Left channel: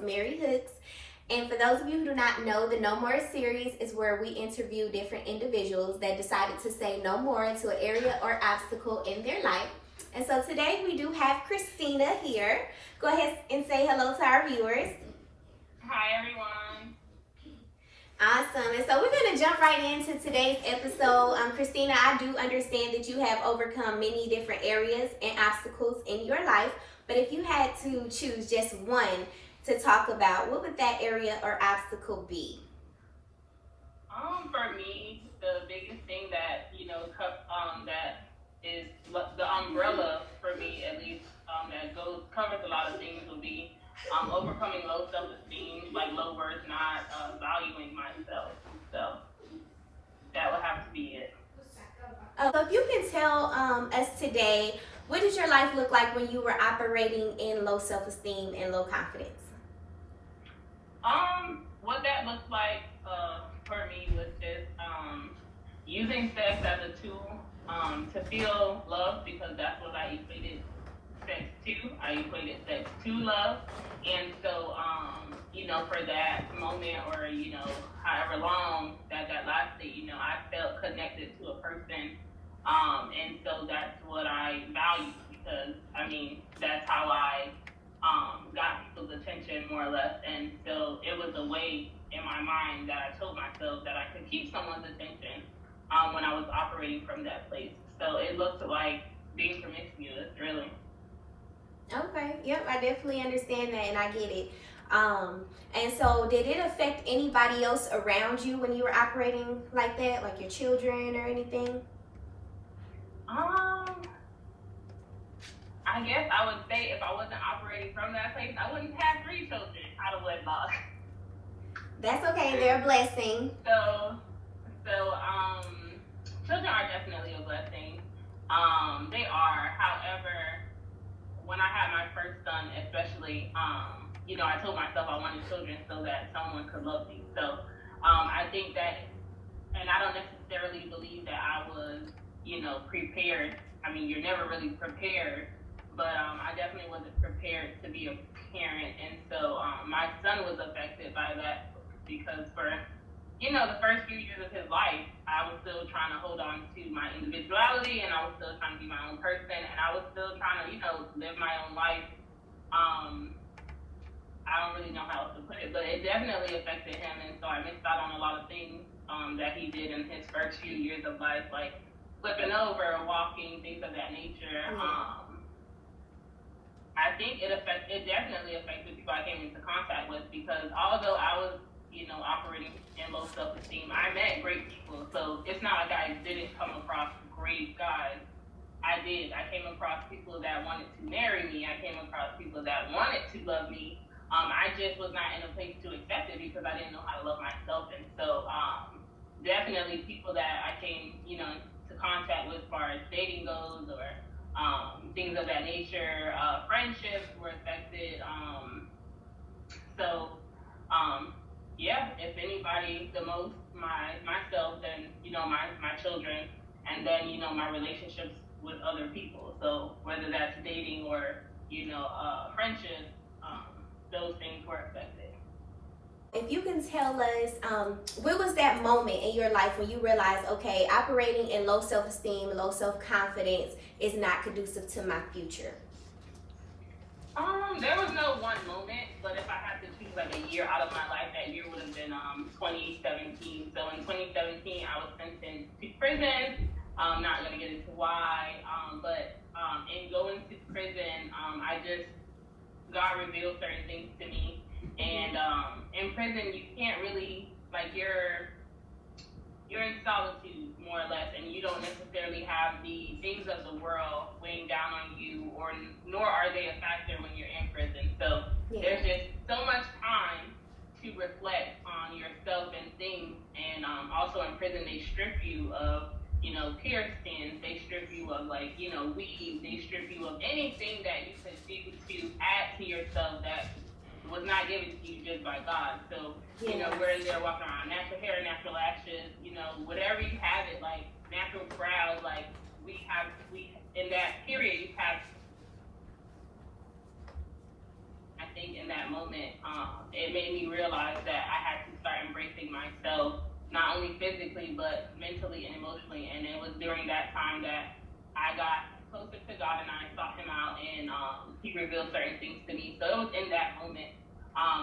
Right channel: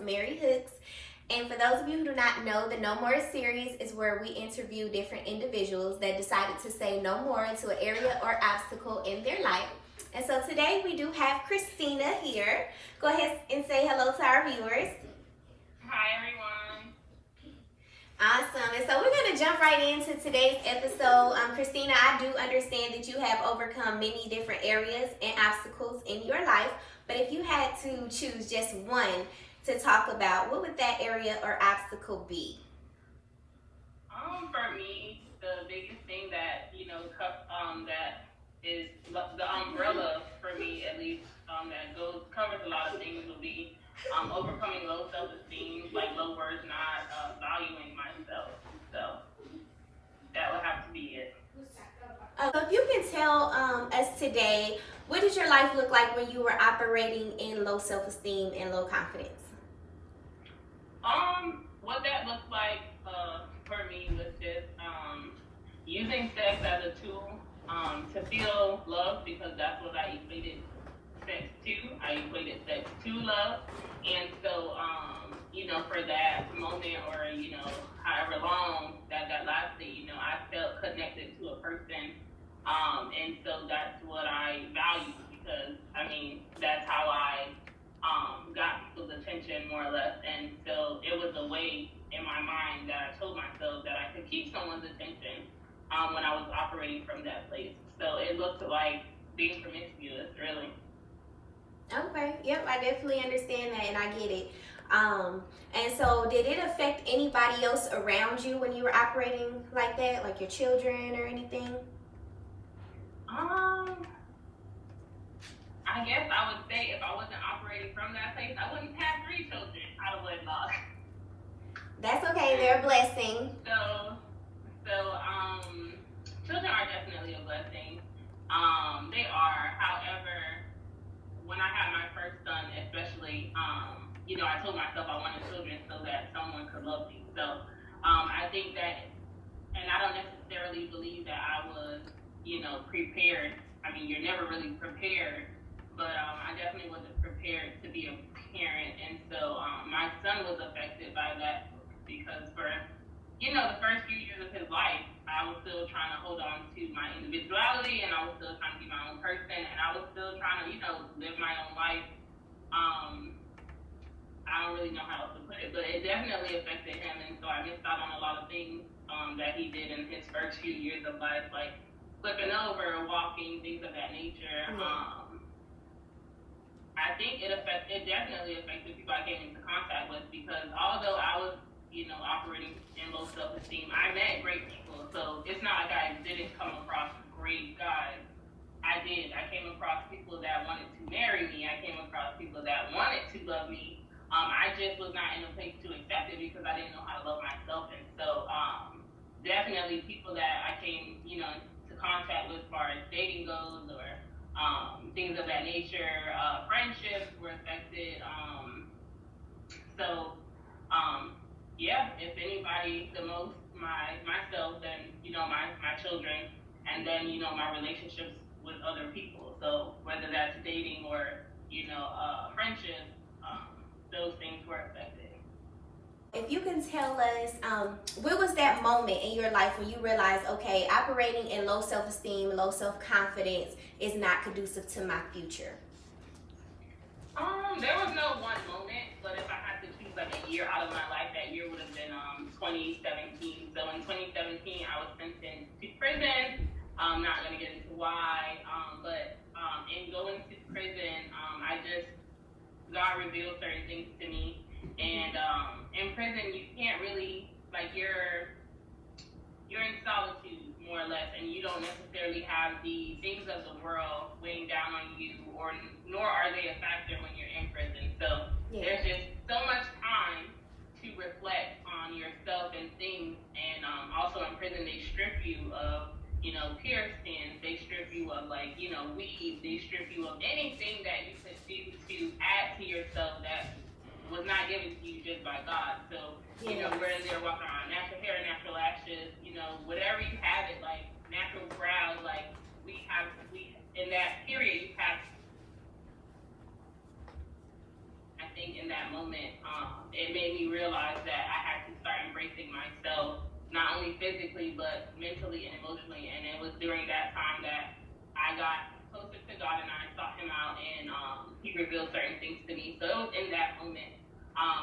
Mary Hooks. And for those of you who do not know, the No More series is where we interview different individuals that decided to say no more to an area or obstacle in their life. And so today we do have Christina here. Go ahead and say hello to our viewers. Hi, everyone. Awesome. And so we're going to jump right into today's episode. Christina, I do understand that you have overcome many different areas and obstacles in your life. But if you had to choose just one to talk about, what would that area or obstacle be? For me, the biggest thing that that is the umbrella for me, at least, that covers a lot of things would be overcoming low self-esteem, like low words, not valuing myself. So that would have to be it. So if you can tell us today, what did your life look like when you were operating in low self-esteem and low confidence? What that looks like for me was just using sex as a tool to feel love, because that's what I equated sex to. I equated sex to love. And so, for that moment, or, however long that lasted, I felt connected to a person. And so that's what I value, because, that's how I got people's attention, more or less. And so it was a way in my mind that I told myself that I could keep someone's attention when I was operating from that place. So it looked like being promiscuous, really. Okay, yep, I definitely understand that and I get it. And so did it affect anybody else around you when you were operating like that, like your children or anything? I guess I would say if I wasn't operating from that place, I wouldn't have 3 children out of wedlock. That's okay, they're a blessing. So children are definitely a blessing. They are. However, when I had my first son, especially, I told myself I wanted children so that someone could love me. So I think that, and I don't necessarily believe that I was, prepared. You're never really prepared, but I definitely wasn't prepared to be a parent. And so my son was affected by that, because for, the first few years of his life, I was still trying to hold on to my individuality, and I was still trying to be my own person, and I was still trying to, live my own life. I don't really know how else to put it, but it definitely affected him, and so I missed out on a lot of things that he did in his first few years of life, like flipping over, walking, things of that nature. I think it definitely affected people I came into contact with, because although I was, operating in low self-esteem, I met great people. So it's not like I didn't come across great guys. I did. I came across people that wanted to marry me. I came across people that wanted to love me. I just was not in a place to accept it, because I didn't know how to love myself. And so definitely people that I came, to contact with as far as dating goes, or things of that nature, friendships were affected. If anybody, the most myself, then my children, and then my relationships with other people. So whether that's dating or friendships, those things were affected. If you can tell us, what was that moment in your life when you realized, okay, operating in low self-esteem, low self-confidence is not conducive to my future? There was no one moment, but if I had to choose like a year out of my life, that year would have been 2017. So in 2017, I was sentenced to prison. I'm not going to get into why, but in going to prison, God revealed certain things to me. And in prison, you can't really, you're in solitude, more or less, and you don't necessarily have the things of the world weighing down on you, nor are they a factor when you're in prison. So there's just so much time to reflect on yourself and things. And also in prison, they strip you of, piercings. They strip you of weed. They strip you of anything that you could do to add to yourself that was not given to you just by God. So, we're in there walking around, natural hair, natural lashes, whatever you have it, like natural brows, in that period, you have think in that moment, it made me realize that I had to start embracing myself, not only physically, but mentally and emotionally. And it was during that time that I got closer to God and I sought him out, and he revealed certain things to me. So it was in that moment.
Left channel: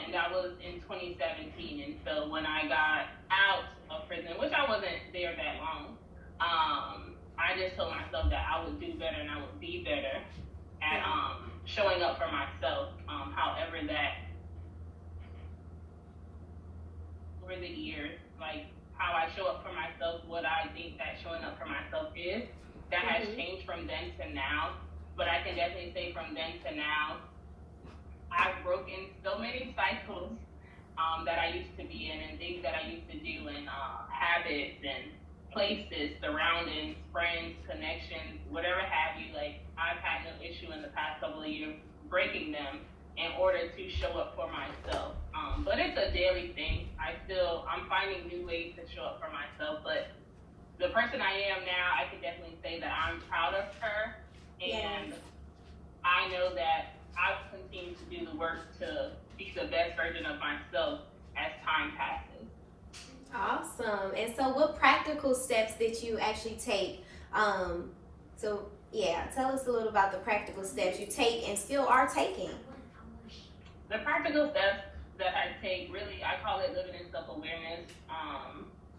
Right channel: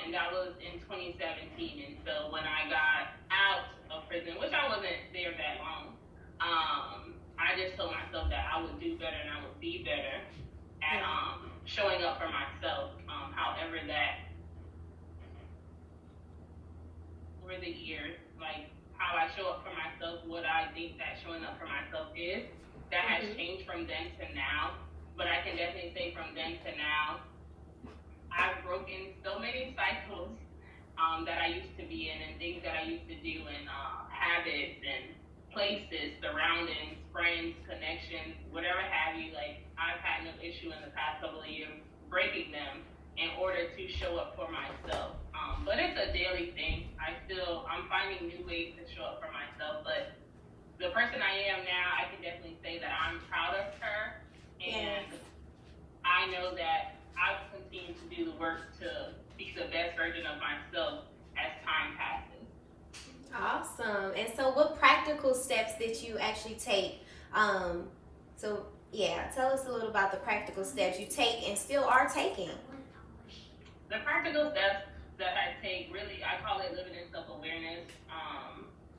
And that was in 2017. And so when I got out of prison, which I wasn't there that long, I just told myself that I would do better and I would be better at showing up for myself. However, that over the years, like how I show up for myself, what I think that showing up for myself is, that has changed from then to now. But I can definitely say from then to now, I've broken so many cycles that I used to be in, and things that I used to do, and habits and places, surroundings, friends, connections, whatever have you. Like, I've had no issue in the past couple of years breaking them in order to show up for myself. But it's a daily thing. I'm finding new ways to show up for myself. But the person I am now, I can definitely say that I'm proud of her, and I know that I will continue to do the work to be the best version of myself as time passes. Awesome. And so what practical steps did you actually take? Tell us a little about the practical steps you take and still are taking. The practical steps that I take, really, I call it living in self-awareness,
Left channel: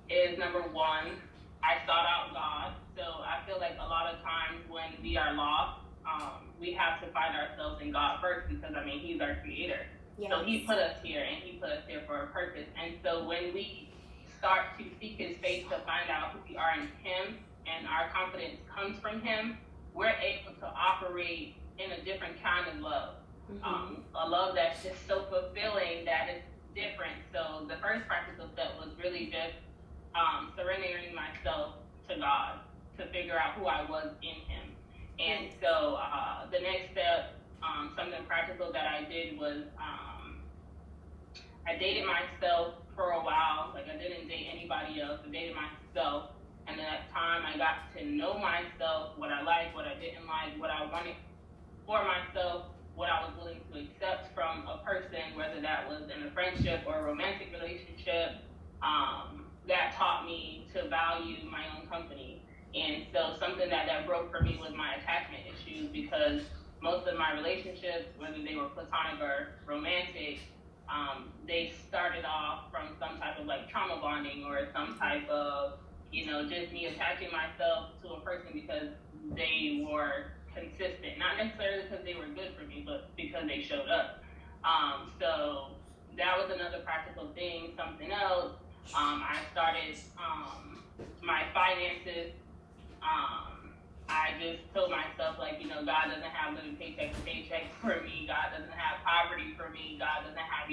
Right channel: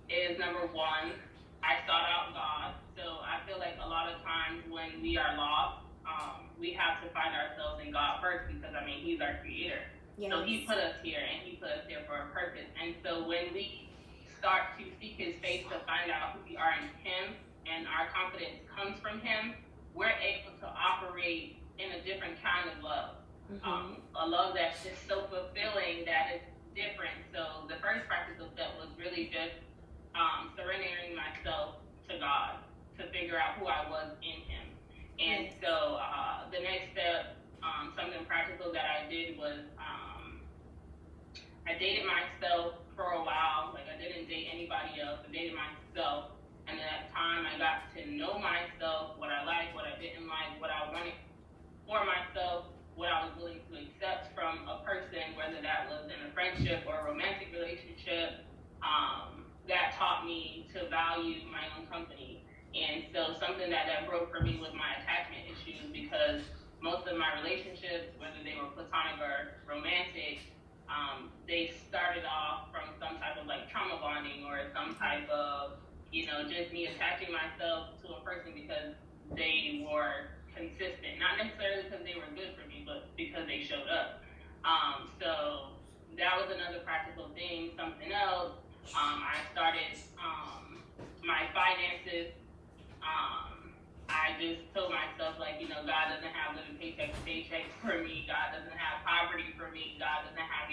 is number one, I sought out God. So I feel like a lot of times when we are lost, we have to find ourselves in God first, because he's our creator. Yes. So he put us here, and he put us here for a purpose. And so when we start to seek his face to find out who we are in him, and our confidence comes from him, we're able to operate in a different kind of love. A love that's just so fulfilling, that is different. So the first practical step was really just surrendering myself to God to figure out who I was in him. And so the next step, something practical that I did was I dated myself for a while. Like, I didn't date anybody else. I dated myself. And at that time, I got to know myself, what I liked, what I didn't like, what I wanted for myself, what I was willing to accept from a person, whether that was in a friendship or a romantic relationship. That taught me to value my own company. And so something that broke for me was my attachment issues, because most of my relationships, whether they were platonic or romantic, they started off from some type of like trauma bonding, or some type of, just me attaching myself to a person because they were consistent, not necessarily because they were good for me, but because they showed up. So that was another practical thing. Something else, I started my finances. I just told myself, like, God doesn't have living paycheck to paycheck for me. God doesn't have poverty for me. God doesn't have,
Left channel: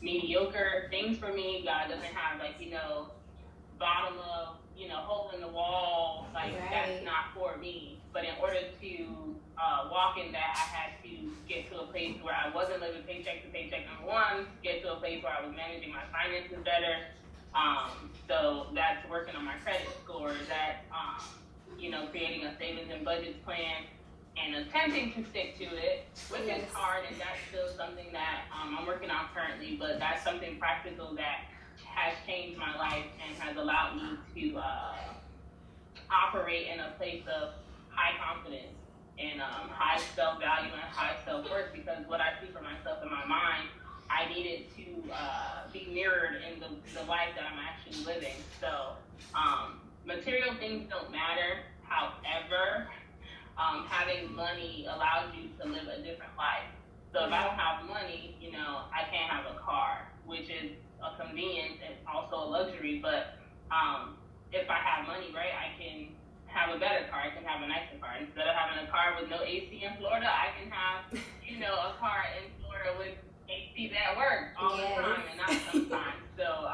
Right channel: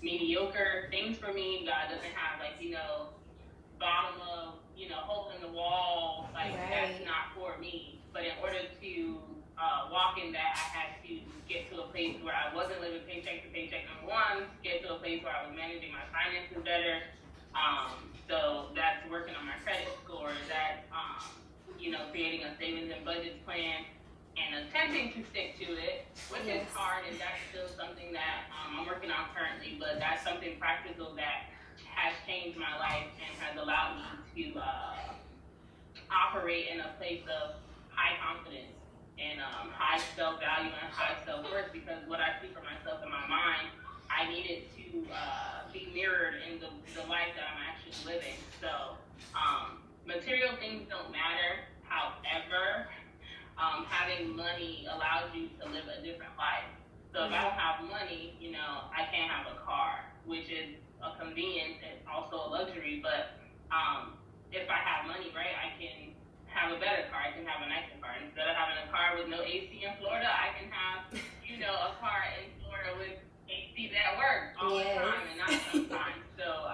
mediocre things for me. God doesn't have, like, bottom of, hole in the wall. Like, that's not for me. But in order to walk in that, I had to get to a place where I wasn't living paycheck to paycheck, number one, get to a place where I was managing my finances better. So that's working on my credit score. That's, creating a savings and budget plan and attempting to stick to it, which is hard, and that's still something that I'm working on currently, but that's something practical that has changed my life and has allowed me to operate in a place of high confidence and high self-value and high self-worth, because what I see for myself in my mind, I needed to be mirrored in the life that I'm actually living. So material things don't matter. However, having money allows you to live a different life. So if I don't have money, I can't have a car, which is a convenience and also a luxury. But if I have money, right, I can have a better car. I can have a nicer car. Instead of having a car with no AC in Florida, I can have, a car in Florida with AC that works all the time and not sometimes. So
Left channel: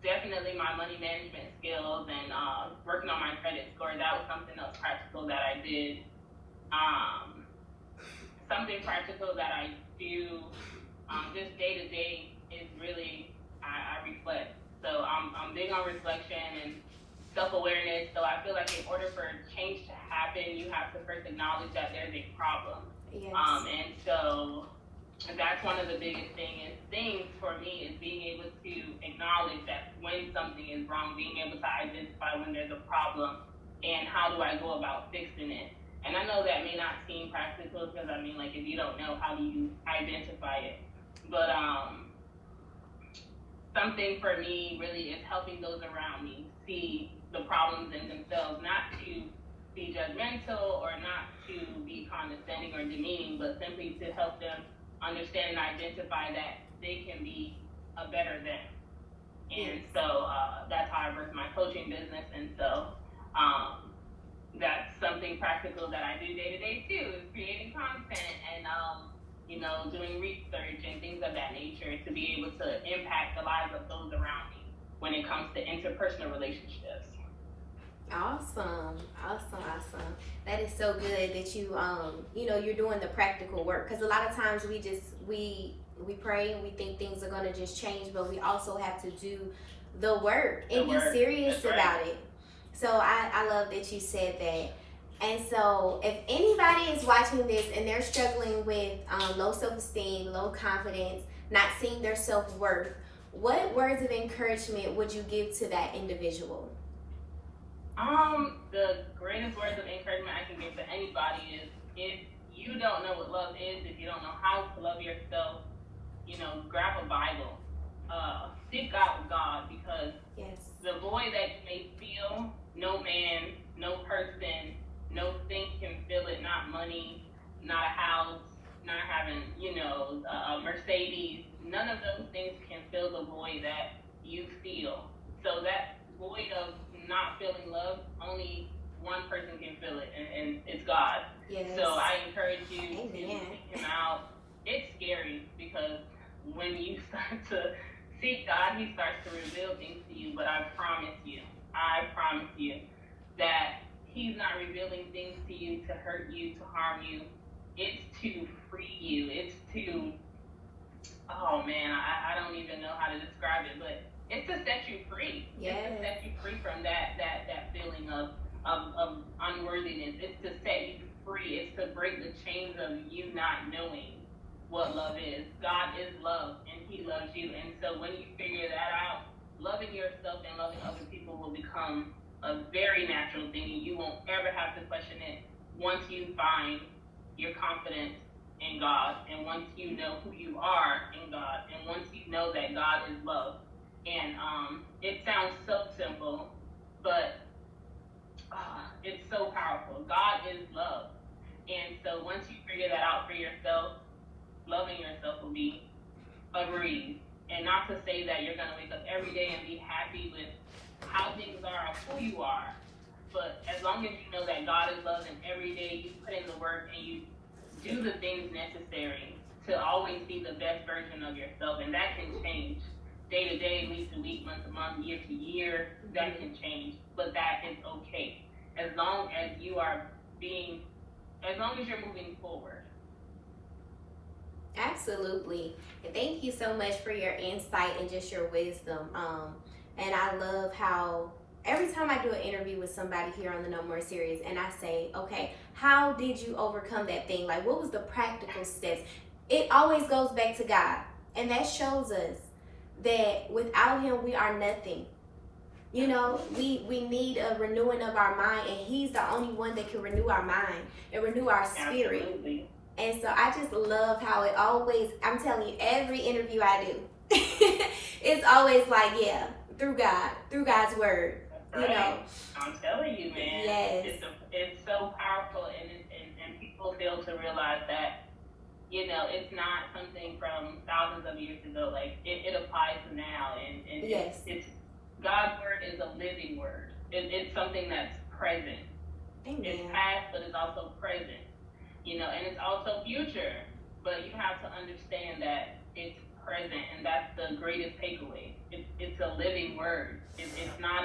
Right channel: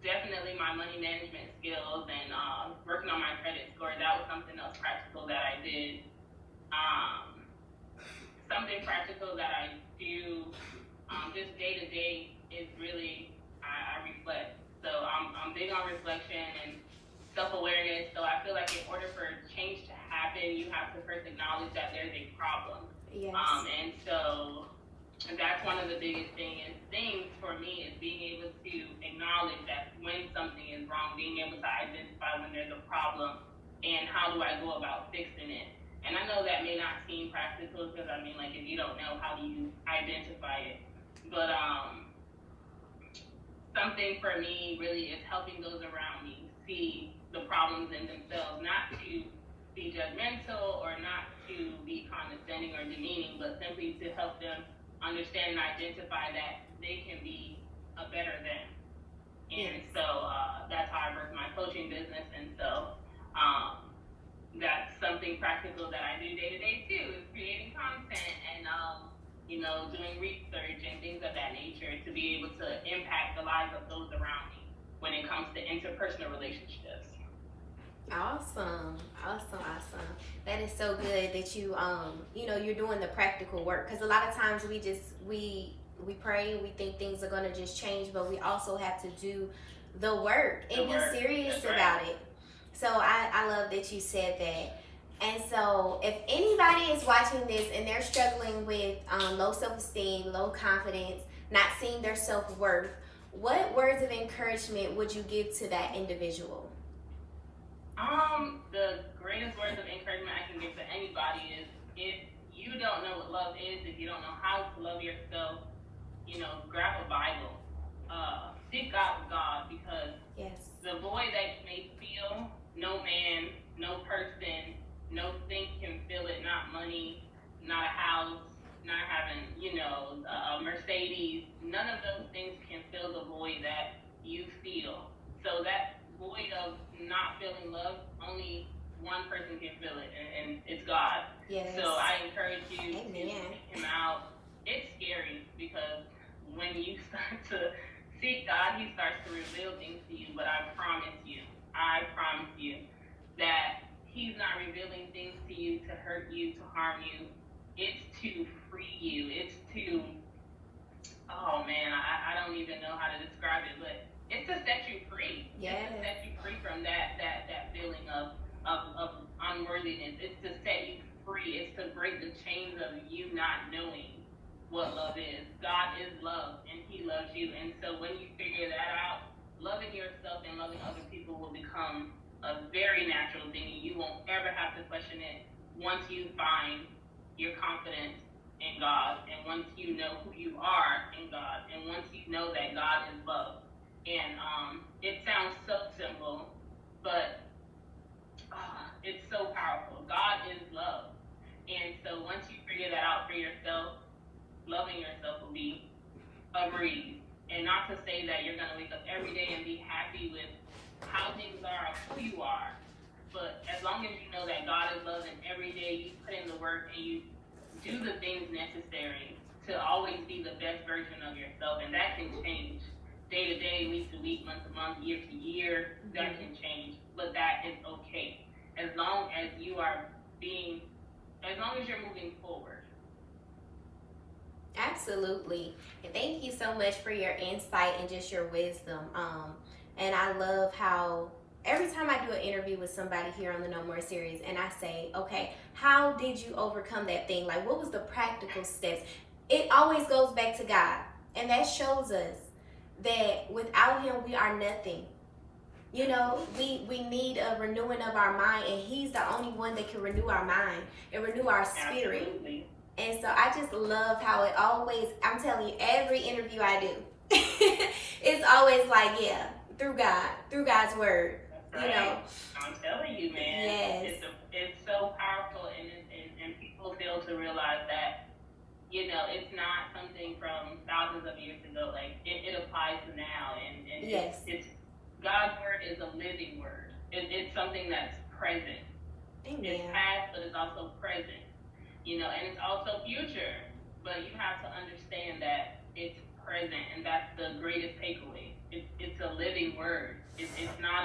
definitely my money management skills and working on my credit score, that was something else practical that I did. Something practical that I do just day to day is really, I reflect. So I'm big on reflection and self-awareness. So I feel like in order for change to happen, you have to first acknowledge that there's a problem. Yes. And so And that's one of the biggest things for me is being able to acknowledge that when something is wrong, being able to identify when there's a problem and how do I go about fixing it. And I know that may not seem practical because I mean, like, if you don't know, how do you identify it? But something for me really is helping those around me see the problems in themselves, not to be judgmental or not to be condescending or demeaning, but simply to help them understand and identify that they can be a better them. And so that's how I work my coaching business. And so that's something practical that I do day to day too, is creating content and doing research and things of that nature to be able to impact the lives of those around me when it comes to interpersonal relationships. Awesome. That is so good that you're doing the practical work, because a lot of times we pray and we think things are going to just change, but we also have to do the work and be serious about it. So I love that you said that. And so if anybody is watching this and they're struggling with low self-esteem, low confidence, not seeing their self-worth, what words of encouragement would you give to that individual? The greatest words of encouragement I can give to anybody is, if you don't know what love is, if you don't know how to love yourself, grab a Bible, seek out God, because the void that you may feel, no man, no person, no thing can fill it, not money, not a house, not having, a Mercedes, none of those things can fill the void that you feel. So that void of not feeling love, only one person can fill it, and it's God. So I encourage you to seek him out. It's scary because when you start to seek God, he starts to reveal things to you, but I promise you that he's not revealing things to you to hurt you, to harm you. It's to free you. It's to, I don't even know how to describe it, but it's to set you free. It's to set you free from that feeling of unworthiness. It's to set you free. It's to break the chains of you not knowing what love is. God is love, and he loves you. And so when you figure that out, loving yourself and loving other people will become a very natural thing. You won't ever have to question it once you find your confidence in God, and once you know who you are in God, and once you know that God is love. And it sounds so simple, but it's so powerful. God is love. And so once you figure that out for yourself, loving yourself will be a breeze. And not to say that you're going to wake up every day and be happy with how things are or who you are, but as long as you know that God is love, and every day you put in the work and you do the things necessary to always be the best version of yourself, and that can change day to day, week to week, month to month, year to year. That can change, but that is okay as long as you're moving forward. Absolutely. And thank you so much for your insight and just your wisdom. And I love how every time I do an interview with somebody here on the No More series, and I say, okay, how did you overcome that thing? Like, what was the practical steps? It always goes back to God. And that shows us that without him, we are nothing. We need a renewing of our mind, and he's the only one that can renew our mind and renew our spirit. Absolutely. And so I just love how it always, I'm telling you, every interview I do, it's always like, through God's word. Right. I'm telling you, man. Yes. It's so powerful, and people fail to realize that, it's not something from thousands of years ago. Like, it applies to now, and it's God's word is a living word. It's something that's present. Amen. It's past, but it's also present. And it's also future, but you have to understand that it's present, and that's the greatest takeaway. It's a living word. It's not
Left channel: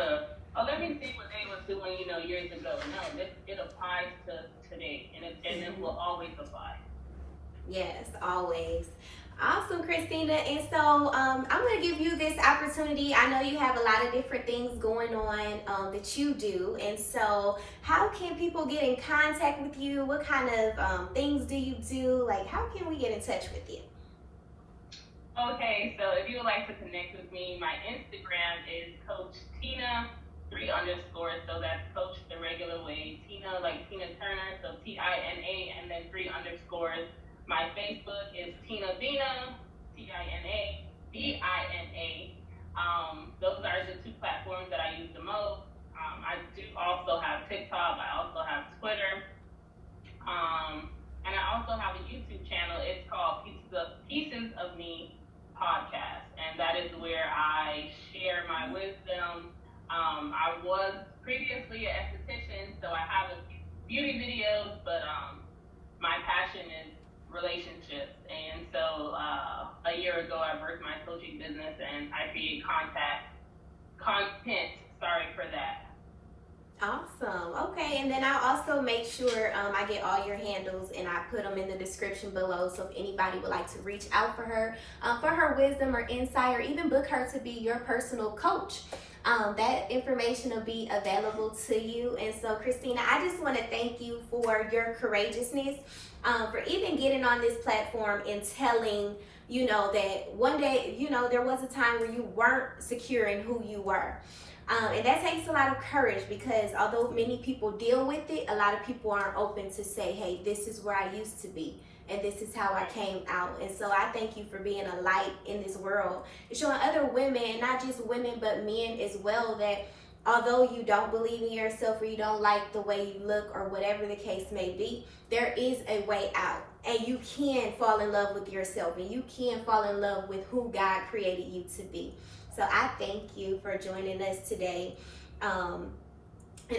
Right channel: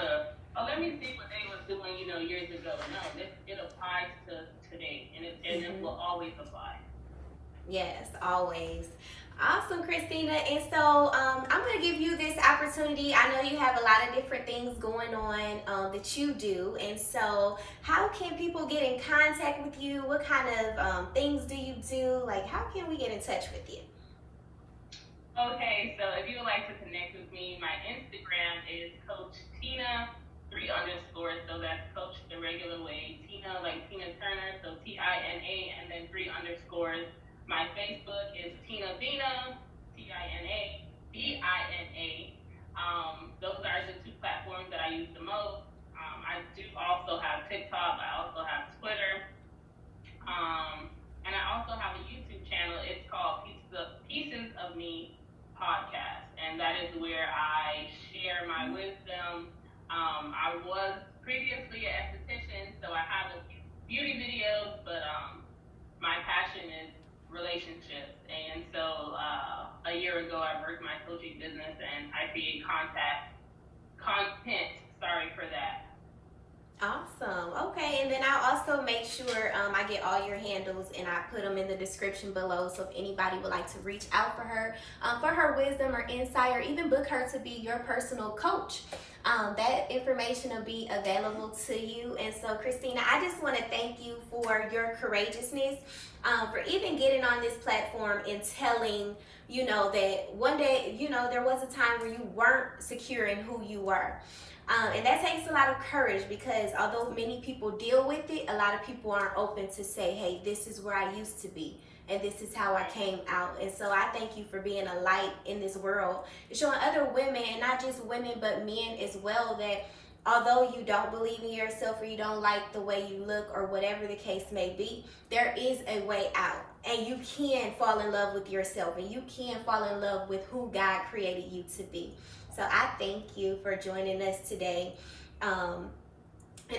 let me see what they was doing, years ago. No, it applies to today, and it will always apply. Yes, always. Awesome, Christina. And so I'm going to give you this opportunity. I know you have a lot of different things going on that you do. And so how can people get in contact with you? What kind of things do you do? Like, how can we get in touch with you? Okay, so if you would like to connect with me, my Instagram is Coach Tina 3 underscores. So that's Coach the regular way. Tina like Tina Turner, so Tina and then 3 underscores. My Facebook is Tina Dina, TinaDina. Those are the 2 platforms that I use the most. I do also have TikTok. I also have Twitter. And I also have a YouTube channel. It's called Pieces of Me podcast, and that is where I share my wisdom. I was previously an esthetician, so I have a few beauty videos, but my passion is relationships. And so a year ago, I birthed my coaching business, and I create content. Sorry for that. Awesome. Okay, and then I'll also make sure I get all your handles and I put them in the description below. So if anybody would like to reach out for her wisdom or insight, or even book her to be your personal coach, that information will be available to you. And so, Christina, I just want to thank you for your courageousness, for even getting on this platform and telling, that one day, there was a time where you weren't secure in who you were. And that takes a lot of courage, because although many people deal with it, a lot of people aren't open to say, hey, this is where I used to be, and this is how I came out. And so I thank you for being a light in this world, and showing other women, and not just women, but men as well, that although you don't believe in yourself, or you don't like the way you look, or whatever the case may be, there is a way out. And you can fall in love with yourself, and you can fall in love with who God created you to be. So I thank you for joining us today. And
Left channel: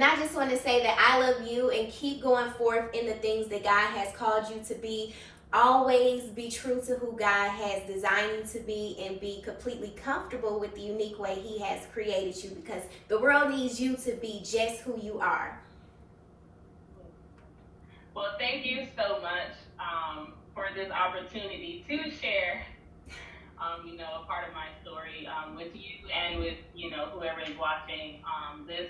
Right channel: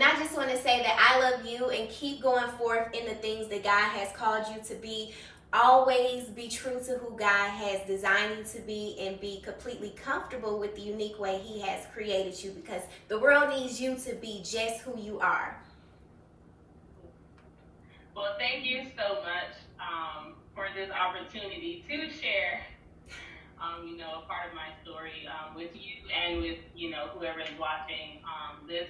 I just want to say that I love you, and keep going forth in the things that God has called you to be. Always be true to who God has designed you to be, and be completely comfortable with the unique way He has created you, because the world needs you to be just who you are. Well, thank you so much for this opportunity to share, a part of my story with you and with, whoever is watching this.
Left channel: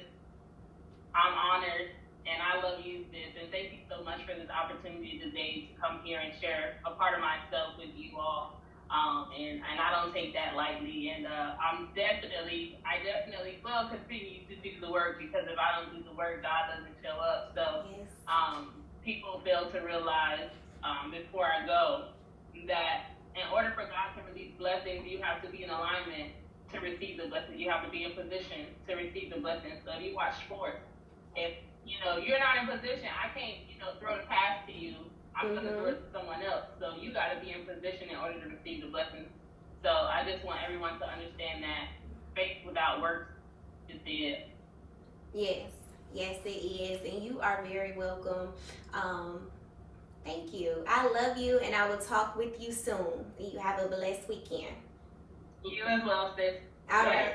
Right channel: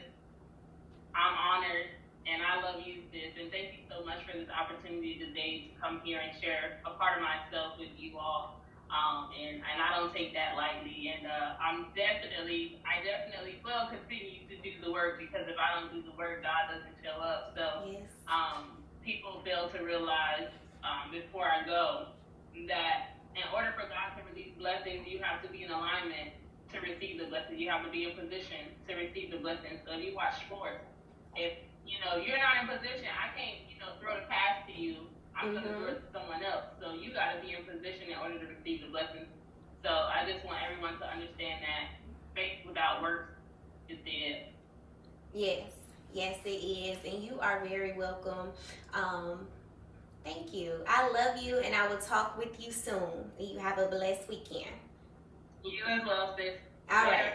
I'm honored, and I love you, sis, and thank you so much for this opportunity today to come here and share a part of myself with you all. And I don't take that lightly, and I definitely will continue to do the work, because if I don't do the work, God doesn't show up. So Yes. People fail to realize before I go that in order for God to release blessings, you have to be in alignment to receive the blessing. You have to be in position to receive the blessing. So if you watch sports, if you're not in position, I can't throw the pass to you. I'm gonna throw it to someone else. So you got to be in position in order to receive the blessing. So I just want everyone to understand that faith without works is dead. Yes, it is, and you are very welcome. Thank you. I love you, and I will talk with you soon. You have a blessed weekend. You as well, sis. All right.